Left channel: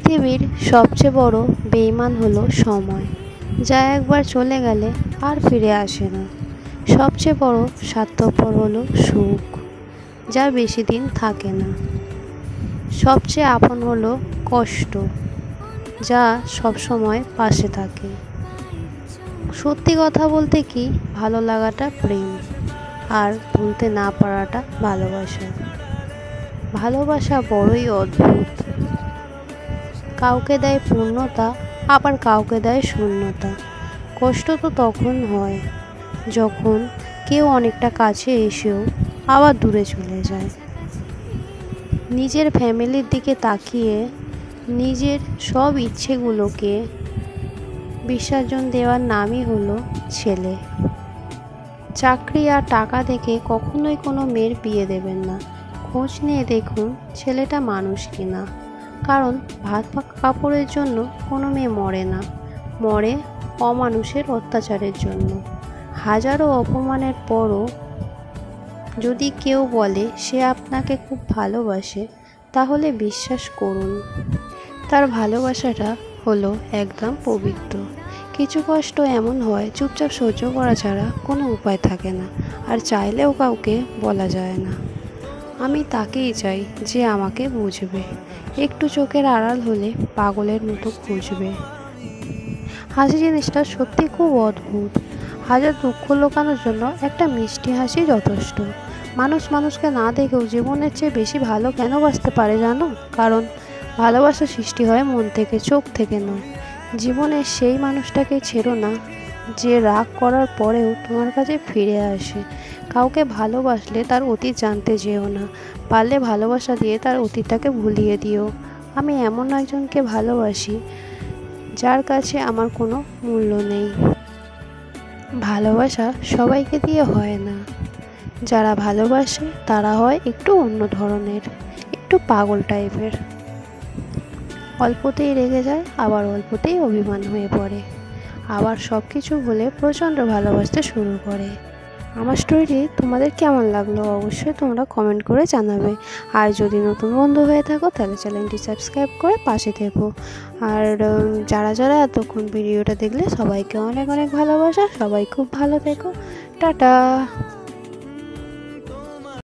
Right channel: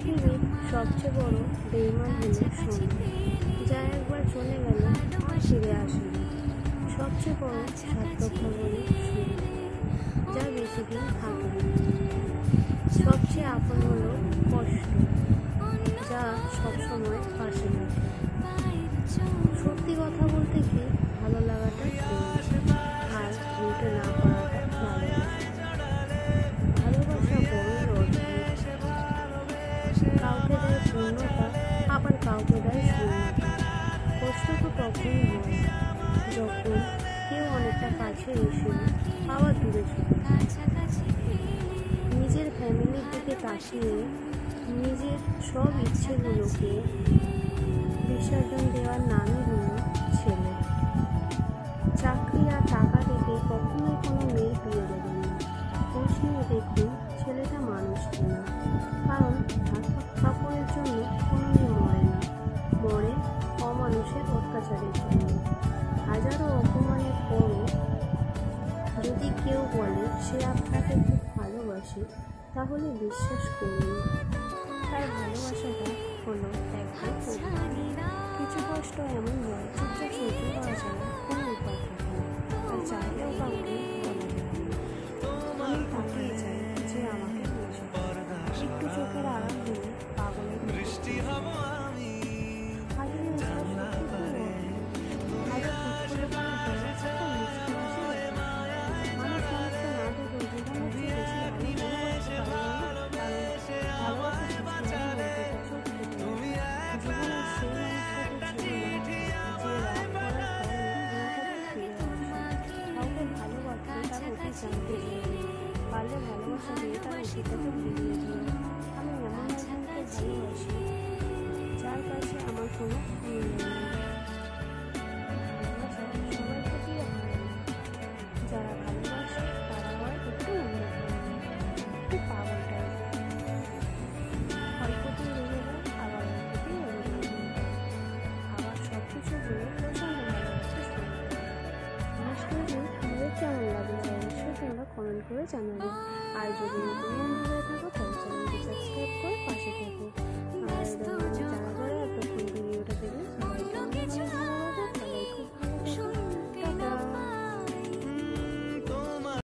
পৃথিবীর সবচেয়ে বড় বেঈমান হলো সময়, যা একবার চলে গেলে আর ফিরে আসে না। সবচেয়ে বড় স্বার্থপর হলো সুখ, যা বেশি দিন থাকে না। সবচেয়ে আপন হলো কষ্ট, যা সবসময় পাশে থাকে। সত্যি কথা বলতে কি, ভালো লাগাটা প্রেম, আর ভুলতে না পারাটা ভালোবাসা। ভালোবাসা বড়ই অদ্ভুত। কাউকে দেয় পূর্ণতা, আবার কাউকে দেয় শূন্যতা। কষ্ট তো তখন হয় যখন কেউ অনেকটা কাছে এসেও আবার দূরে চলে যায়। নিজের ফ্যামিলির দিকে তাকিয়ে নিজের সব ইচ্ছেগুলোকে বিসর্জন দেওয়ার নামই হলো ছেলে। চাকরি আর টাকা দেখে কখনোই কোনো মেয়ের বিয়ে দেবেন না। খোঁজ নিয়ে দেখুন ছেলেটা মানুষ কিনা। কারণ ভাত কাপড়ের জন্য কোনো মেয়ে মরে না, মরে অমানুষের অত্যাচারের জন্য। হাজারো অপমানের পরও যদি কেউ বলে সে আপনাকে খুব ভালোবাসে, তাহলে বিশ্বাস করুন, তার ভালোবাসাটা হলো একদম পবিত্র। কিছু কষ্ট এমন হয় চুপচাপ সহ্য করা ছাড়া কোনো উপায় থাকে না, আর চাইলেও কাউকে বলা যায় না। আমি তাকেই চাই যে আমাকে বুঝবে, একটু চোখের আড়াল হলে পাগলের মতো খুঁজবে। হাসি জিনিসটা সত্যি খুব অদ্ভুত। হাজার দুঃখ লুকানোর জন্য একটা মিষ্টি হাসি যথেষ্ট। মানুষ মানুষকে না দেখেও জীবনের চেয়ে বেশি ভালো কেন বাঁচতে পারে জানো? কারণ ভালোবাসা সৃষ্টি হয় মন থেকে, চোখ থেকে নয়। জীবনের সেই মানুষটাকে ছেড়ো না যে রাগ করার পরেও তোমার কাছে ফিরে আসে। কাউকে ভালোবাসলে তার অতীত জানতে যেও না, পারলে ভালোবাসা দিয়ে তার অতীতটাকে ভুলিয়ে দিও। আমি এমন একজনকে ভালোবাসি যার কাছে আমার কোনো মূল্য নেই। ভালোবাসা সবাইকে দিয়ে হয় না। যারা ভালোবাসে তারা হয় একটু অন্য ধরনের, একটু পাগল টাইপের। অল্পতেই রেগে যায়, আবার অল্পতেই অভিমান হয়ে পড়ে, আবার সব কিছু ভুলে প্রচণ্ড ভালোবাসতে শুরু করে। আমার স্টোরিটি তোমাদের কেমন লাগলো অবশ্যই তোমরা কমেন্ট করে জানাবে। আর যদি নতুন বন্ধু হয়ে থাকো তাহলে চ্যানেলটি সাবস্ক্রাইব করে পাশে থেকো। আর যারা যারা এতক্ষণ ভিডিওটা দেখলে সবাইকে অনেক অনেক ভালোবাসা। সবাই খুব ভালো থেকো। টাটা।